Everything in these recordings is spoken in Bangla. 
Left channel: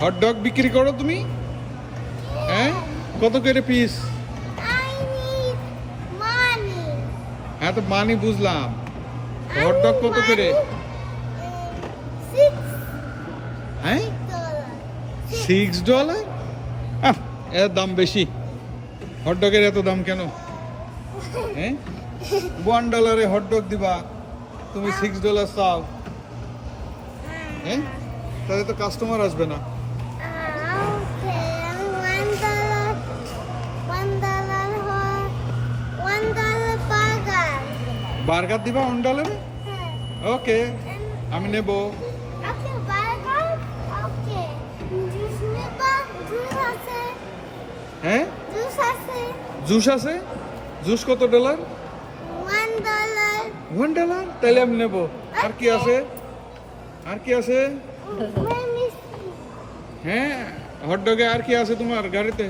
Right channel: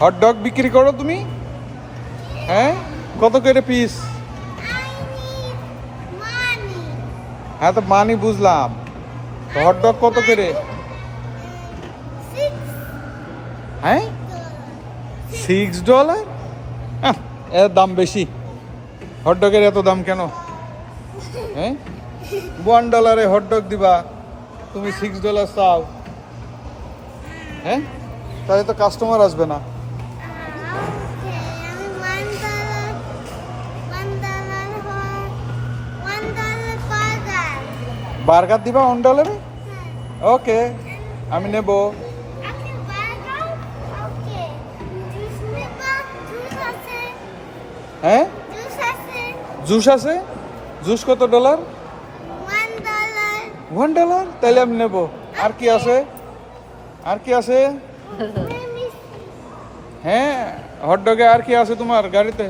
হট ডগ বিক্রি করো তুমি? হ্যাঁ? কত করে পিস হ্যাঁ তো মানি বুঝলাম। হট ডগ কত করে? হ্যাঁ? সিক্স ডলার এর দাম বেশি। হট ডগের এত দাম কেন? হ্যাঁ? ওয়ান ডলারে হট ডগ দিবা। তুমি সিক্স ডলার চাও। হ্যাঁ? তাহলে তো কাস্টমার আসবে না। বার্গার দিবা ওয়ান ডলারে ওকে আমি নেব। হ্যাঁ? জুস আছে। জুস কত ডলার ডলার ওয়ান ডলার তাহলে আমি নেব। আর কি আছে? আর কি আছে? হ্যাঁ হট ডগে আর কি আছে তোমার গাড়িতে?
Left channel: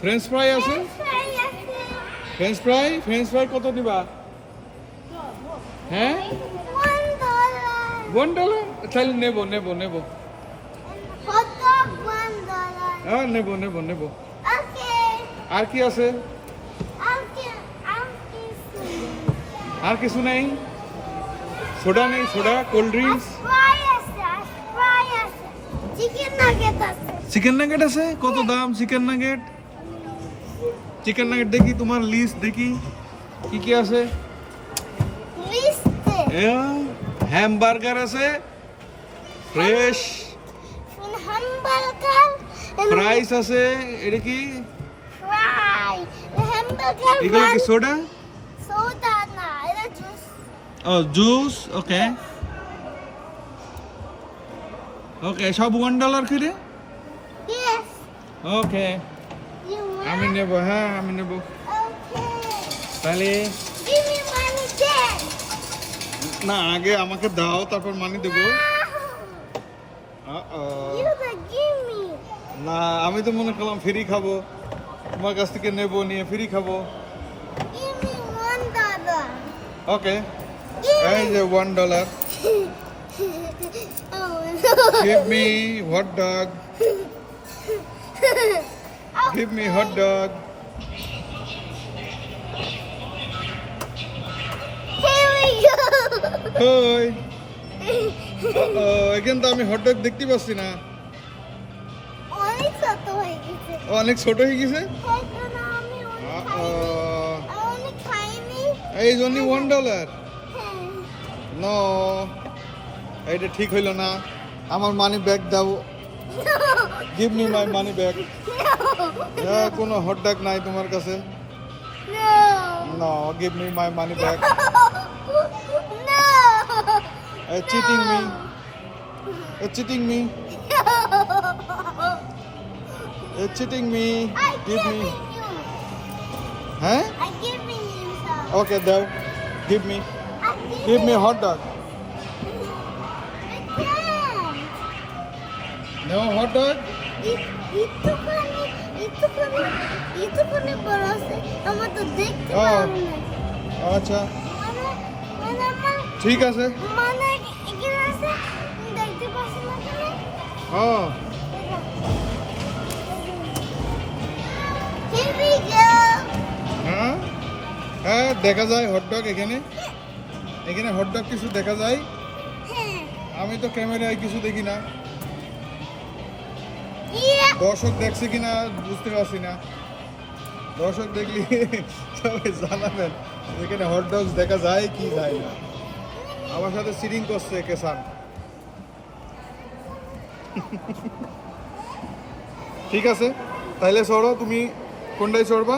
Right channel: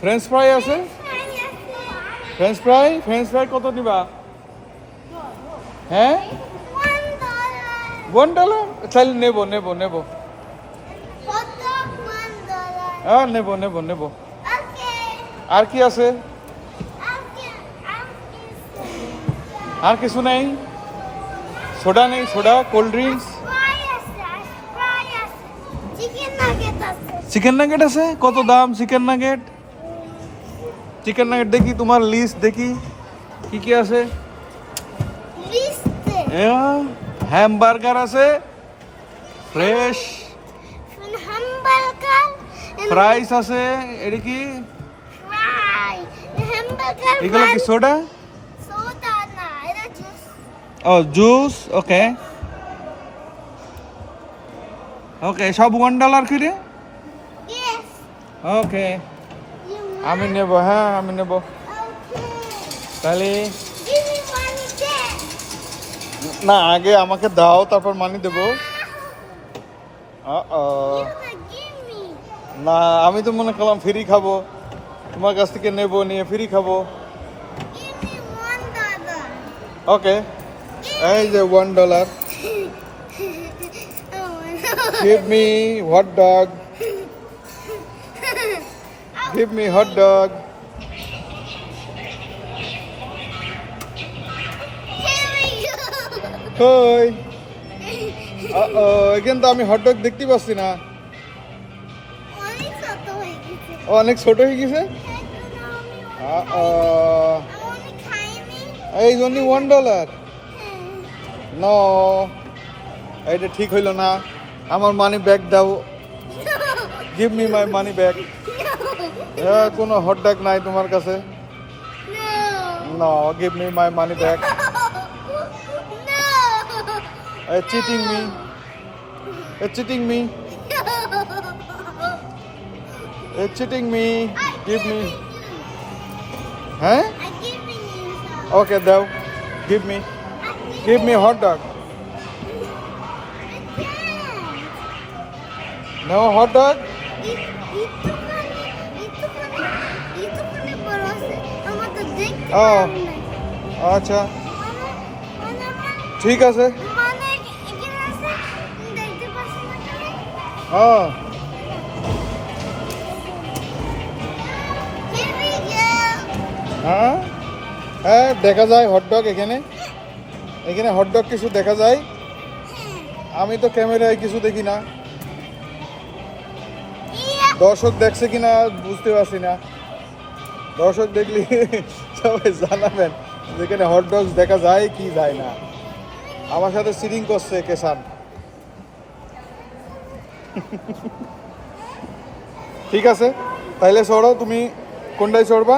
ফ্রেঞ্চ ফ্রাই আছে? ফ্রেঞ্চ ফ্রাই ফ্রেঞ্চ ফ্রাই কত দিবা হ্যাঁ? ওয়ান ডলার তাহলে নেব নেব। নেব হ্যাঁ নেব নেব নেব। আর কি আছে ওকে ওকে আর কিছু নাই সোডা নেই সোডা কোল্ড ড্রিঙ্কস ফ্রাই আছে ফ্রাই আছে চিকেন নাগেট আছে চিকেন নাগেট আছে কত দাম চিকেন নাগেট চিকেন নাগেট দেখি তোমার লিস্ট দেখি কি কি আছে লিস্টে হ্যামবার্গার আছে ফ্রেশ ফ্রম হ্যামবার্গার ফ্রাইস আছে এটা কি ফ্রাই হ্যামবার্গার এগুলো কি সোডা সোডা না এটা জুস ও জুস ওকে ওকে সব ওয়ান ডলার করে? ওকে ইউ আমি নেব হ্যাঁ আমি নেব। তাহলে না আগে আমাকে দাও তারপর মানি দেবো। না আমি তো মনে করলাম ফ্রি খাব। তোমার কাছ থেকে নেব নিয়ে ফ্রি খাব। ওকে এই যে one dollar Oh, give me hot dog give me hot Here we go. কই কিন্তু আমি হট ডগ দেখতে পাচ্ছি না। অনেক ছোট হয়ে গেছে? এই জন্য ওয়ান ডলার। এটা ঠিক হইল না। আমার মানি ব্যাগ দাও। Give me my money bag হ্যাঁ কোনো হট নাই তোমার কাছে? না গিভ মাই মানি ব্যাগ এ চিটিং মি এ চিটিং মি এ চিটিং মি গিভ মি হ্যাঁ? ওকে দাও। Give me Give me. Me hot dog. No hot dog? আচ্ছা ঠিক আছে. হ্যাঁ হ্যাঁ দেখা যায় হট ডগ এখানে এখানে হট ডগ কিছু দেখা যায়? আমি তো ক্যামেরায় কিছু দেখি না। দর্শক দেখছে কিনা বুঝতে পারছি না। দর্শক দেখলি সবাই জানাবেন যেখানে হট ডগস দেখা যায় কি যায় না। আমার সাথে সিরিং করছে কেসান। ঠিক আছে? তাহলে চড়ো তুমি কোনটায় চড়বা?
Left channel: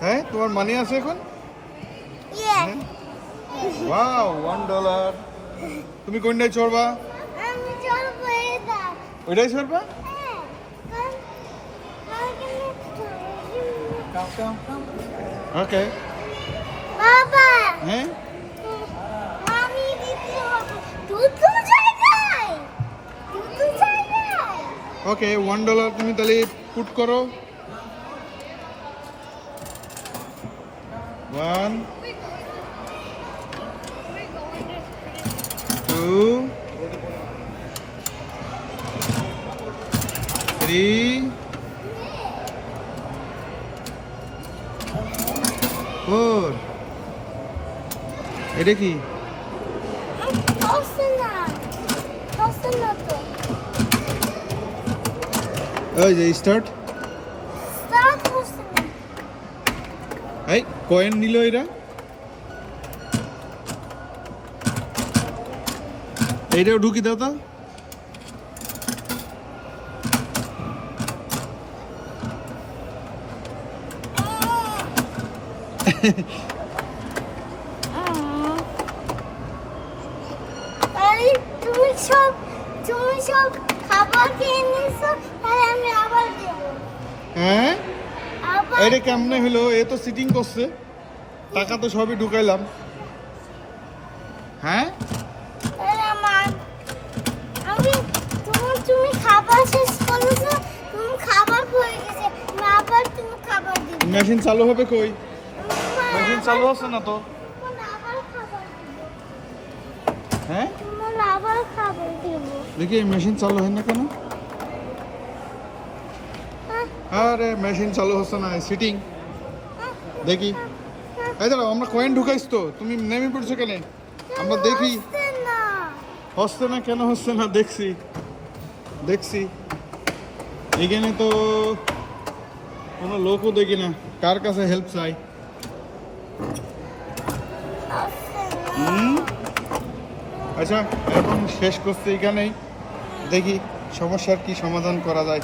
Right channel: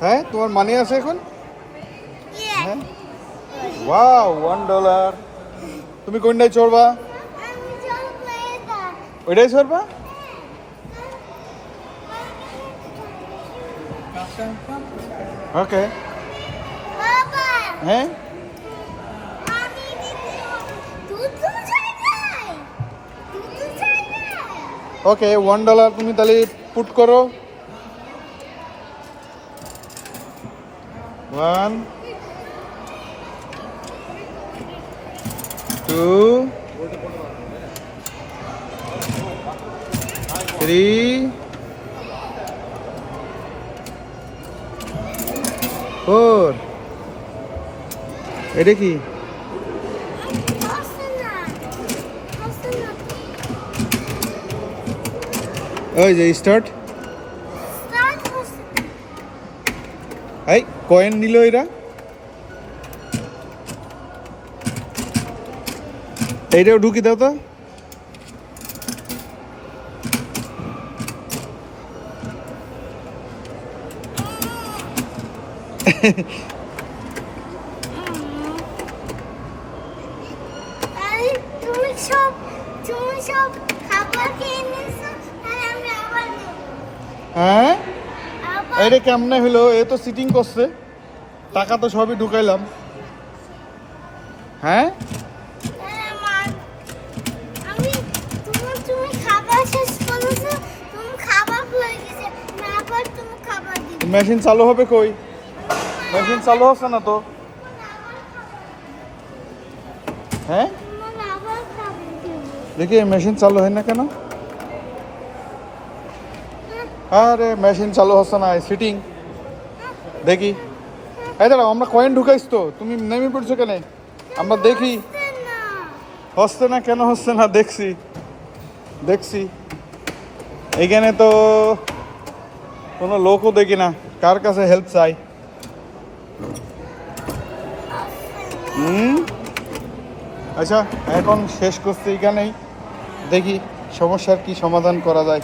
হ্যাঁ তোমার মানি আছে এখন? ওয়াও ওয়ান ডলার তুমি কোনটায় চড়বা? আমি চলবো এটা। ওইটাই চড়বা? ওকে বাবা হ্যাঁ? আমি ওকে ওয়ান ডলার তুমি তাহলে পুট করো। One two three four. এটা কি? ওই যে স্টার্ট স্টার্ট এই কয়েন নিল এরা। এইটাও ঢুকি দাও তো। তুমি সব তুমি সব খাবার খেয়ে নিয়েছো তাহলে আমি আবার নেব হ্যাঁ? এইটা কেমনে হলো? এ তো সিটিং করছে। টাকা তো সবই ঢুকাইলাম। হ্যাঁ আরে আমার আমি তুমি তুমি খাবার শেষ করেছ তুমি খাবার হয়ে গেছে আমি আবার তুমি খাবার দিবে মেশিন চালু হবে কই? মেশিন চালু হচ্ছে না তো? হ্যাঁ? দেখি, মেশিন চালু হয় না কেন? আরে, মেশিন চালু হচ্ছে না সিটিং দেখি। এই দাঁড়াও, আমরা কয়েন ঢুকাইছ তো, তুমি নেমে পড়ছো কেন? আমরা দেখি। হচ্ছে না কেন হচ্ছে না, দেখছি। দেখছি। এইখানে তো কোনো লোকও দেখি না। কার কাছে হেল্প চাই? আচ্ছা এখন শেষ করছি এখানেই। দেখি সমস্যার কি সমাধান করা যায়।